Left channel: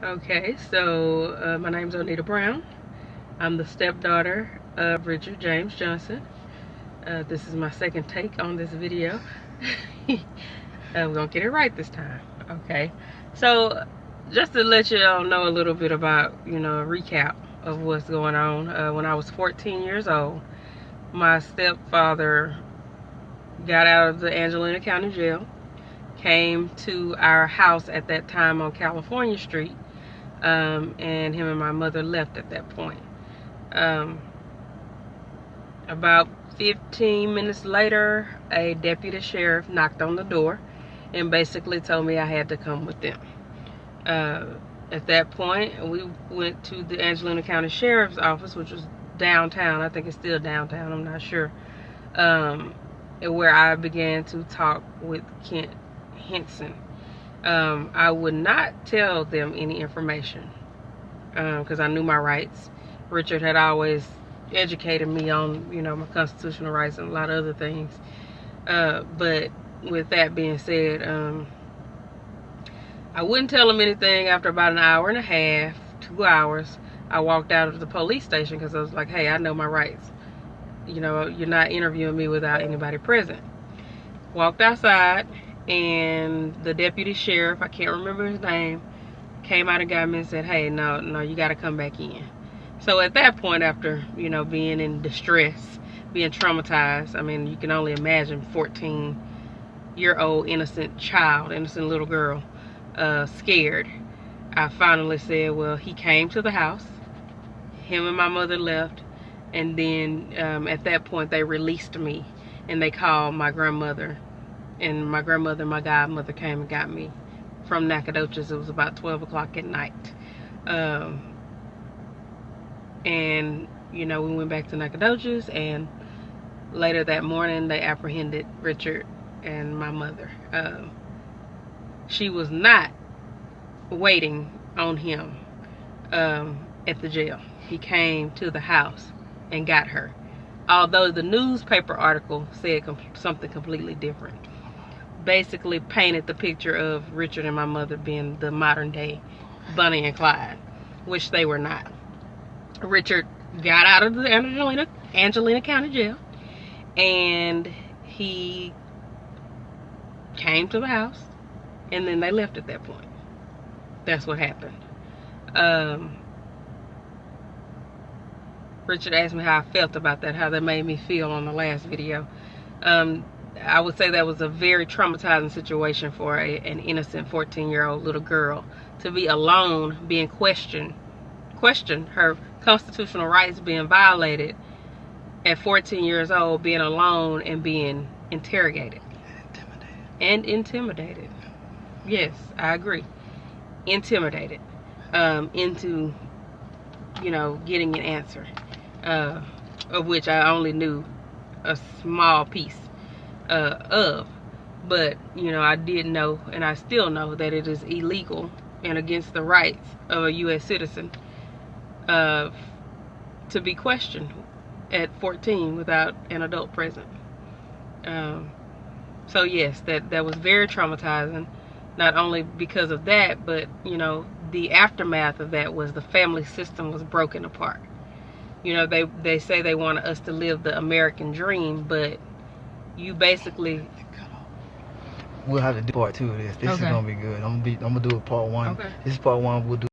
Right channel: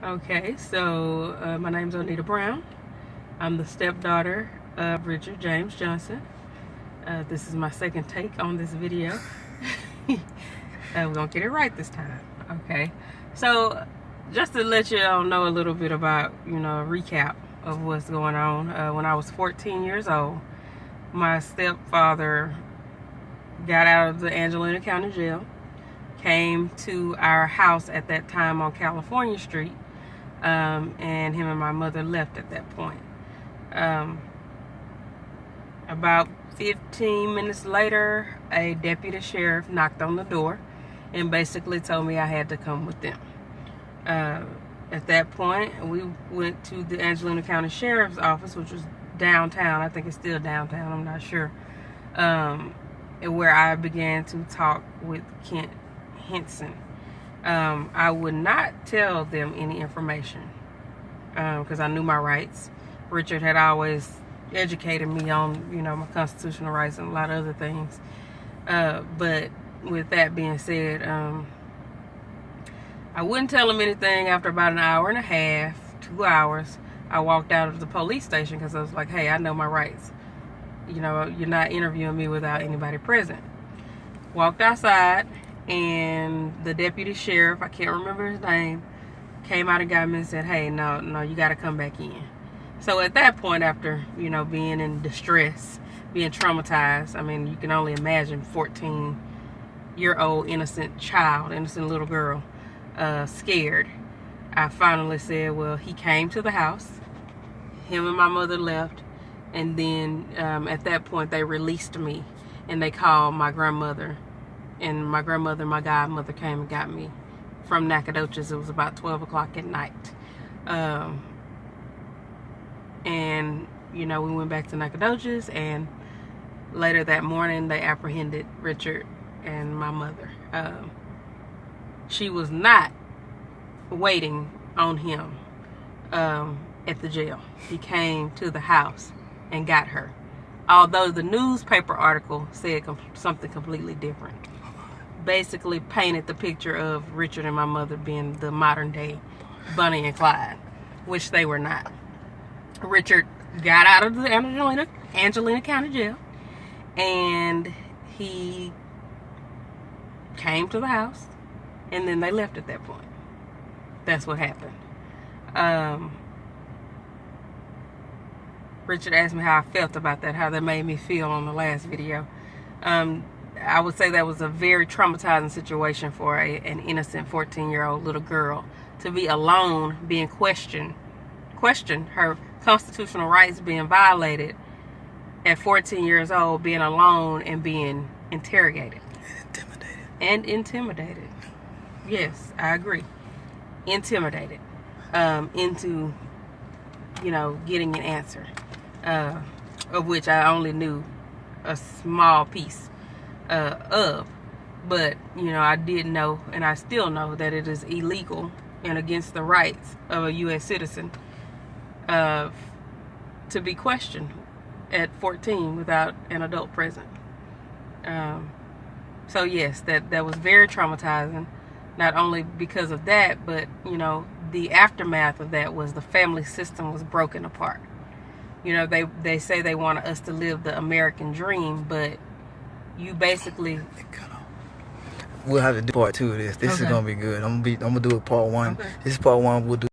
Okay, so my name's Onita Brown. I'm the stepdaughter of Richard James Johnson. This is my second take on this video. We're gonna get it right this time. Okay, so just to let you all know a little bit about, a recap of what's going on. When I was 14 years old, my stepfather got out of the Angelina County Jail, came to our house at that time on California Street, and him and my mother left at that point. About 15 minutes later, a deputy sheriff knocked on the door and basically told me I had to come with them. At that point, we went to the Angelina County Sheriff's Office, which was downtown. I think it's still downtown, I'm not sure. Where I began to talk with Kent Henson. I would not tell them any information because I knew my rights. Richard had always educated me on, my constitutional rights and a lot of other things. But with that being said, I wouldn't tell him anything. After about an hour and a half, 2 hours, I walked out of the police station because I was like, hey, I know my rights. You're not interviewing me without anybody present. Walked outside, and the deputy sheriff, I can't remember his name, came out and got me and said, hey, no, you got to come back in. So at that point, after, being in distress, being traumatized, I mean, you can only imagine 14-year-old innocent little girl, scared. I finally said, well, he came to the house. Him and my mother left. And then at that point, they released me, and they called my grandmother. And my grandmother and my godmother came and got me from Nacogdoches. It was about 12 o'clock at night. And, we went back to Nacogdoches, and later that morning, they apprehended Richard and my mother. She was not waiting on him at the jail. He came to the house and got her. Although the newspaper article said something completely different. Basically painted the picture of Richard and my mother being the modern day Bonnie and Clyde, which they were not. Richard got out of the Angelina County Jail, and he came to the house, and then they left at that point. That's what happened. Richard asked me how I felt about that, how that made me feel on the last video. I would say that was a very traumatizing situation for an innocent 14-year-old little girl to be alone, being questioned, her constitutional rights being violated at 14 years old, being alone and being interrogated. And intimidated. Yes, I agree. Intimidated into, getting an answer. Of which I only knew a small piece of. But, I did know, and I still know, that it is illegal and against the rights of a U.S. citizen to be questioned at 14 without an adult present. So yes, that was very traumatizing, not only because of that, but, the aftermath of that was the family system was broken apart. They say they want us to live the American dream, but you basically... We'll have to do part 2 of this. This is gonna be good. I'm gonna do a part 1. Okay. This is part 1. We'll do